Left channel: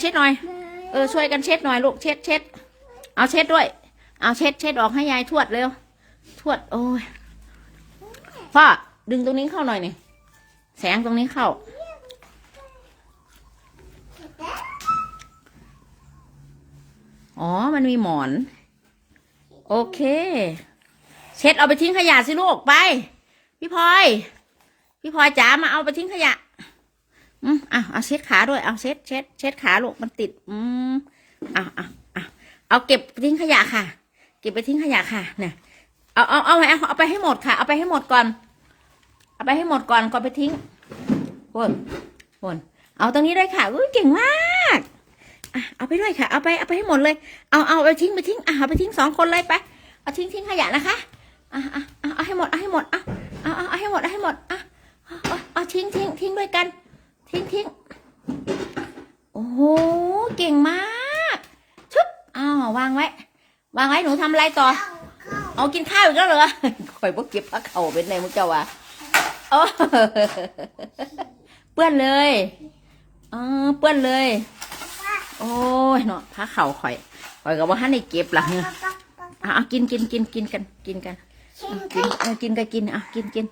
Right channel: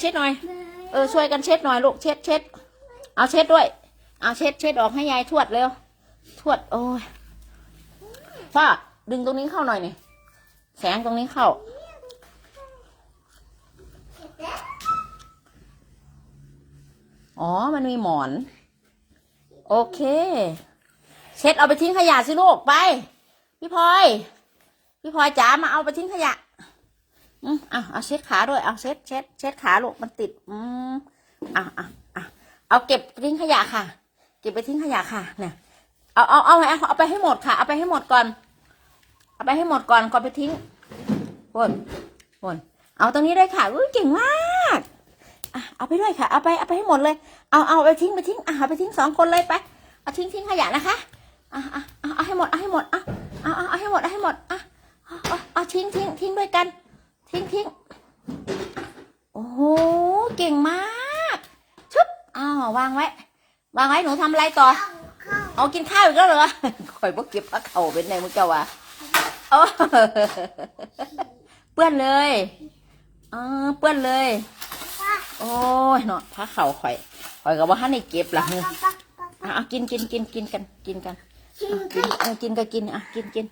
เช็ดหน่อย เออช่วยกันเช็ดหน่อยลูกเช็ดเช็ดเอาเช็ดด้วย เอาเช็ดเช็ดออกให้ยายทวดเร็ว ทวดโอ้ยพ่อดึงตรงนี้เข้าหน่อยนี่แสงตรงนี้เข้า อ๋อ มันมีหมอน โอเค เช็ดเอาไปทิ้งขยะสิลูกไป พี่พลอย พี่พลอยจ๋ามาเอาไปทิ้งขยะ อืมอะเอาเช็ดขาด้วยเอาเช็ดเช็ดเช็ดขาลูกมันติด อืมอะอะอะเอาเก็บไปทิ้งขยะค่ะ เก็บไปทิ้งขยะค่ะเนี่ยเอาเอาเอาเอาเอาไปให้หมดค่ะ เอาไปให้หมดก่อน เอาไปให้หมดก่อนก่อนไปทิ้งบนบนเอาตรงนี้เลยค่ะอุ้ยเก่งมากอะเอาไปด้วยค่ะ เอาไปเอาไปให้หมดเลย เอาเอาไปทิ้งไปทิ้งอะเอาไปทิ้งสองคนเลยไปเอาทิ้งทิ้งขยะนะคะอะอะเอเอาให้หมดเอาให้หมดอะเอาเอาเอาให้หมดเอาให้หมดอะ ทิ้งทิ้งโอ้โห เก่งมากชุบอ้าววางไว้ วางไว้หนูทำอะไรต่อ เอากินข้าวอีกแล้วเหรอข่อยบ่เก็บผ้าเข่าเป็นไงมึงเจ้าวะโอ้เปื้อนเลยเออเปื้อนเลย โอ้ยเนาะผ้าเข่าข่อยข่อยก็บ่ทันได้เก็บล่ะเนี่ยอะเอากินกินกินกินกันกินกันเอากินเอากินก็กินอะกินกิน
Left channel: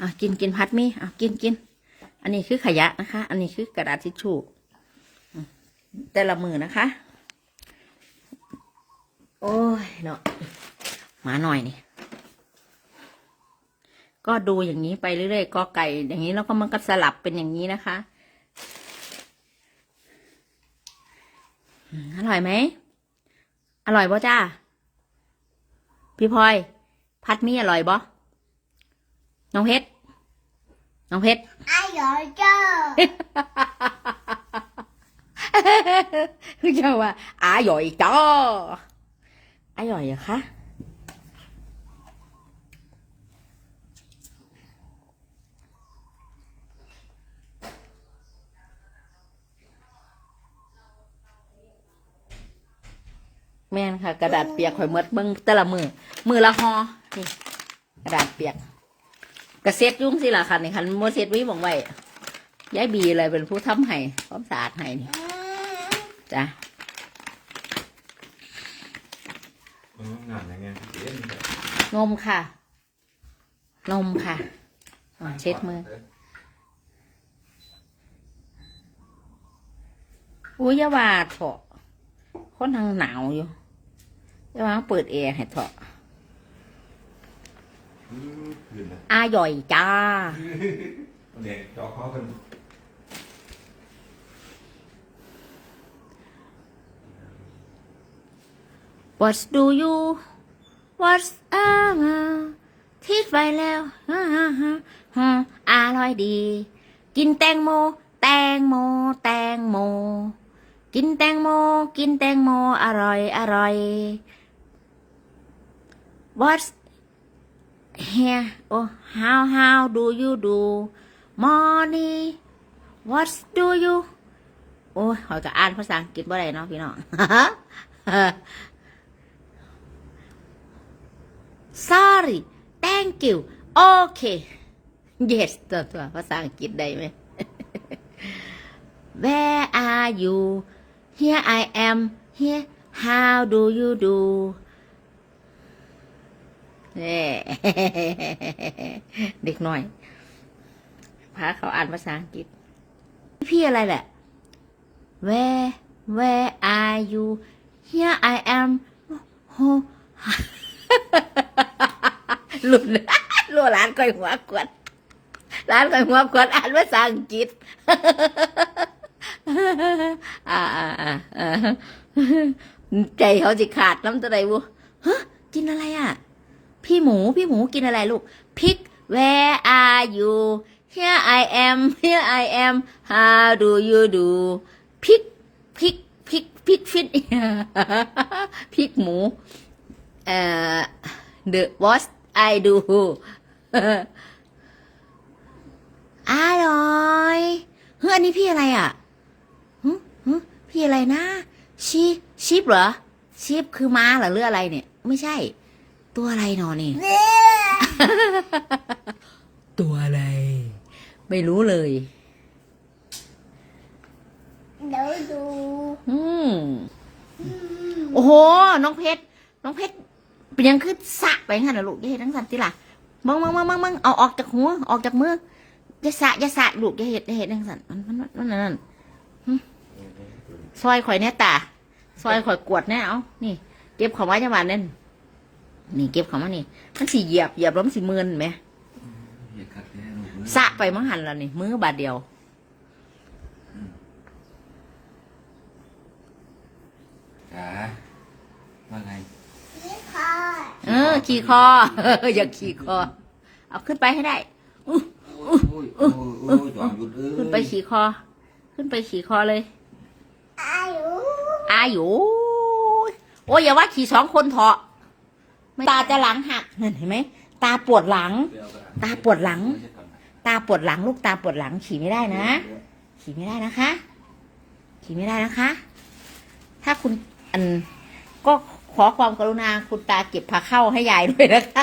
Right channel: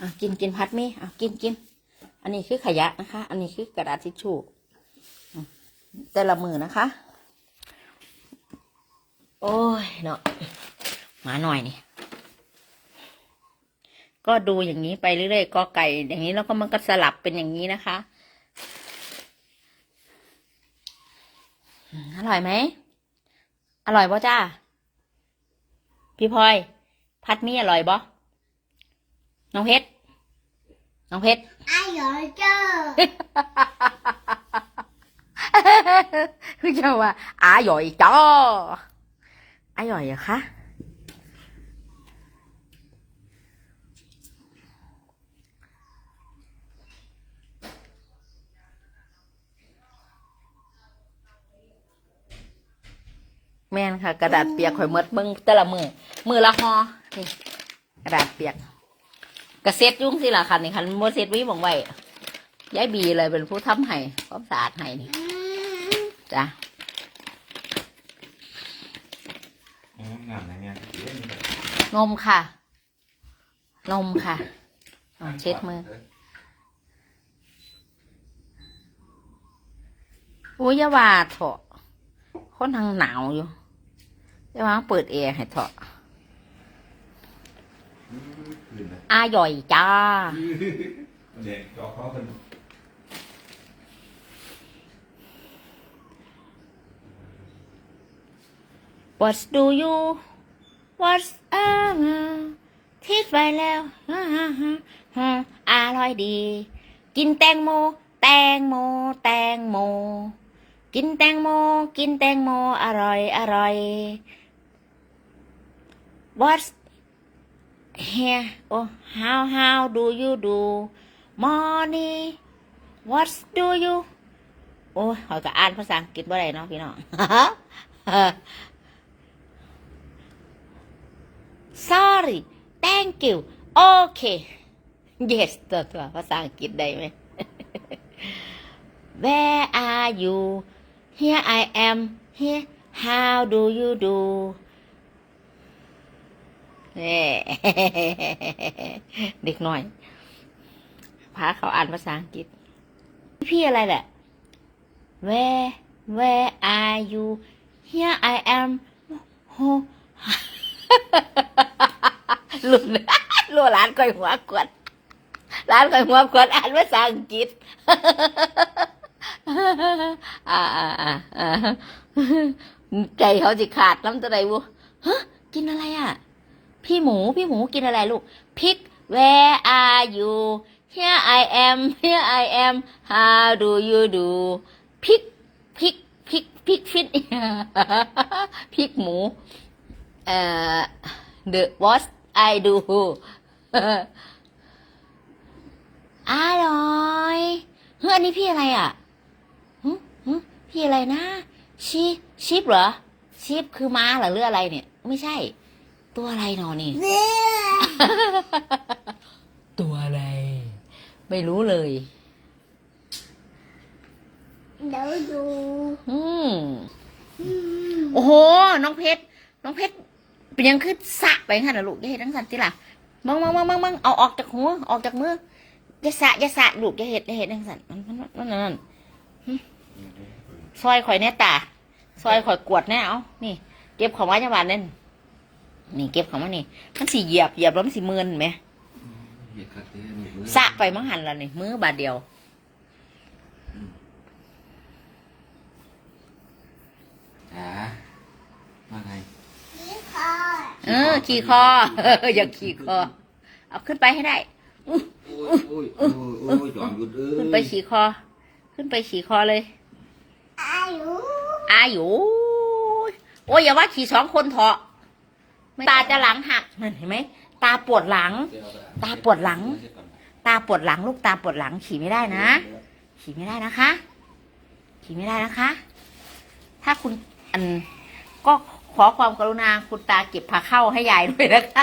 อะกินกินพัดมีอะกินกิน อันนี้คือขยะนะคะ อันนี้คือกระดาษทิชชู่แต่ละมือนะคะ โอ้ยเนาะมาหน่อยนี่ ก็ดูอย่างนี้ไปเรื่อยๆก็ไก่อย่างนี้แล้วก็มันก็สลับเป็นอย่างนี้นะคะอร่อยไหม อร่อยบ่จ้า พี่พลอย พัดมีอร่อยบ่น้องเพชร น้องเพชรอร่อยจ้าคือจะว่าอาหย่อยจ้ออาหย่อยเหรอคะแม่นค่ะ กระดาษเปียกข่อยหมดเบิ้งแต่ละมือมือละหอนี่กระดาษเปียก กระเซ็ดยุ่งสิล่ะค่ะนี่คันโมเซ็ตวิบอกไว้ยายบีอะไรเป็นผู้ทำให้ความสะอาดให้นี่จ้ะนมค่ะ นมค่ะเช็ดมืออุ้ยยาว่าเถอะคนทางหนาวอยู่ยาว่าเปิดแอร์ให้เถอะ อืมคืนนะอาหย่อยจ้าเนี่ยจอเขากัน What do you What's up ทิดไว้แล้วฮ่าฮ่าฮ่าฮ่าอร่อยดี กินแตงโม แตงโม แตงโม กินแตงโม กินแตงโม อร่อย อร่อย What's here Oh how how do you do morning What do you โอ้ยขอยก็อ่านภาษาอังกฤษบ่ได้เนาะพี่น้อง sorry thank you okay yes ตัวตัวภาษาอังกฤษได้ไหม where are you here I am here how do you do เด็กหน่อย พาเขาอ่านภาษาอังกฤษ พี่อะไรแหละ where where are you here I am หลุดลยรัวร้านก่อยหัวกวดร้านก่อยหัวกวดอ่านภาษาอังกฤษอ่าอ่าอ่าอ่าใจเขาจะขาดน้ำตัวใดวุฮะกินอะไรอะ พี่หมูพี่หมูกินอะไรลูกพริก where are you here I am here I am how do you do พริกพริกพริกพริกฟิตพิกหมูเอ่อ the what I do อร่อยเฮ้ยอันนี้พี่อะไรอะหึหึพี่อะไรนะชีชิปเหรอชิปคือม้าเหรอหรืออะไรเนี่ย ไม่ใช่ ตัวอะไรหนอนี่เนี่ยตัวอะไร ไม่รู้เลย เดี๋ยวดูอืมอืมโอ้โห น้องเพชร น้องเพชร เป็นยังขึ้นสะไปงั้นนะลูกอย่าเห็นทั้งสันติล่ะมึงมึงมึงมึงมึงเอาออกจากหัว ออกจากมืออย่าสะอย่าสะลูกอย่าเห็ดอย่าเห็ดทั้งสันมันมันมันนั่นนั่นซอยข่อยแน่ตา ซอยข่อยกวดแน่เอานี่ เก็บของไว้จังหวะนั่น นี่เก็บของมานี่ มันสีเหยียบเหยียบแล้วมันสีมืนไหมเหยียดคักแท้ลูกเอ้ยสะไปมังหันแล้วนี่มือบาดเดียวจ๋าว่าไงนี่ค่ะเออ ขี่คออย่าขี่คอ เอาขึ้นไปให้ได้โอ้ยโอ้ยโอ้ยโอ้ยจอมหยุดเอ้ยขึ้นไปขี่คอ ขึ้นไปขี่คอเลย อายุอายุโอ้ยอย่าว่าขี่สองคนเถอะ ตาจะหลังหักเห็นไหมตาปวดหลัง ตาปวดหลัง ตาปวดหลัง ลูกตาปวดหลังขี่ไม่ได้นะ ขี่ไม่ได้นะคะ ขี่ไม่ได้นะคะ ถ้าคุณอันก็ขอความกรุณาคุณตาเก็บผ้าเข้าให้ยายด้วยนะคะ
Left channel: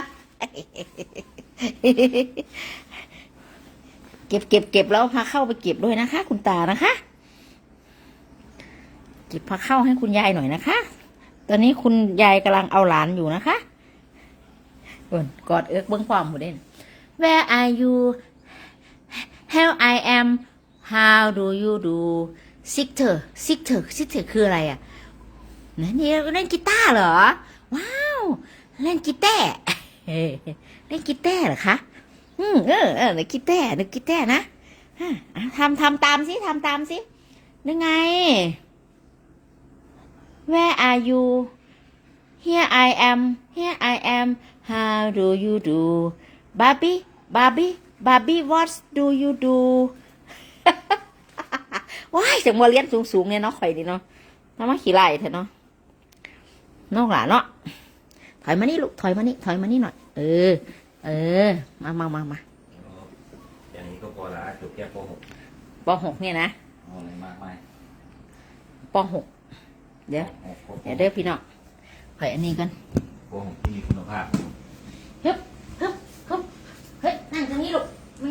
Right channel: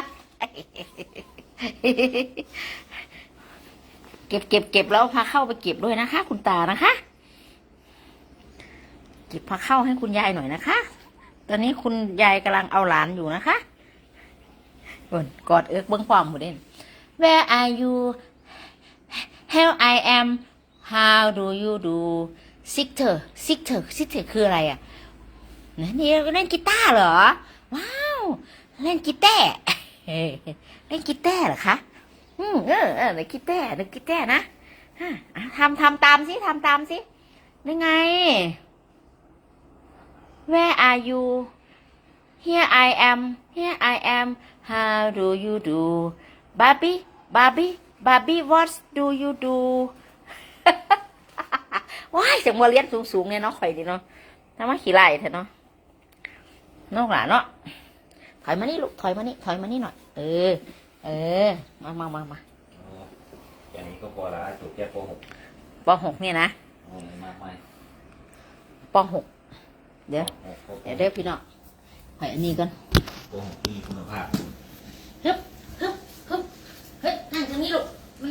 เก็บเก็บเก็บแล้วพาเข้าไปเก็บด้วยนะคะ คุณตานะคะ เก็บพาเข้าให้คุณยายหน่อยนะคะ ตอนนี้คุณยายกำลังเอาหลานอยู่นะคะ บนกอดเอิกเบิ้องความหมดเด่น Where are you How I am How do you do Sister Sister Sister คืออะไรอะไหนนี่เล่นกีตาร์เหรอ ว้าว เล่นกีตาร์เล่นกีตาร์เหรอคะ อืมเออเออนึกกีตาร์นึกกีตาร์นะทำทำตามสิทำตามสินึกไง Where are you Here I am Here I am How do you do Barbie Barbie Barbie what do you do ว้ายจังมาเรียนสูงๆเนี่ยเนาะข่อยดีเนาะทำมาขี้ไล่เถอะเนาะน้องหลานเนาะถอยมานี่ลูกถอยมานี่ถอยมานี่หน่อย เออ เออ มามามามาอย่างนี้ก็พอละจบแค่ป .6 ปหกเนี่ยนะเอาอะไรมากมายปหกเดี๋ยวเดี๋ยวเด้อพี่น้องข่อยอันนี้กัน โกหกที่มีคุณภาพ ฮึบฮึบฮึบเฮ้ยนั่งตรงนี้ลูกไม่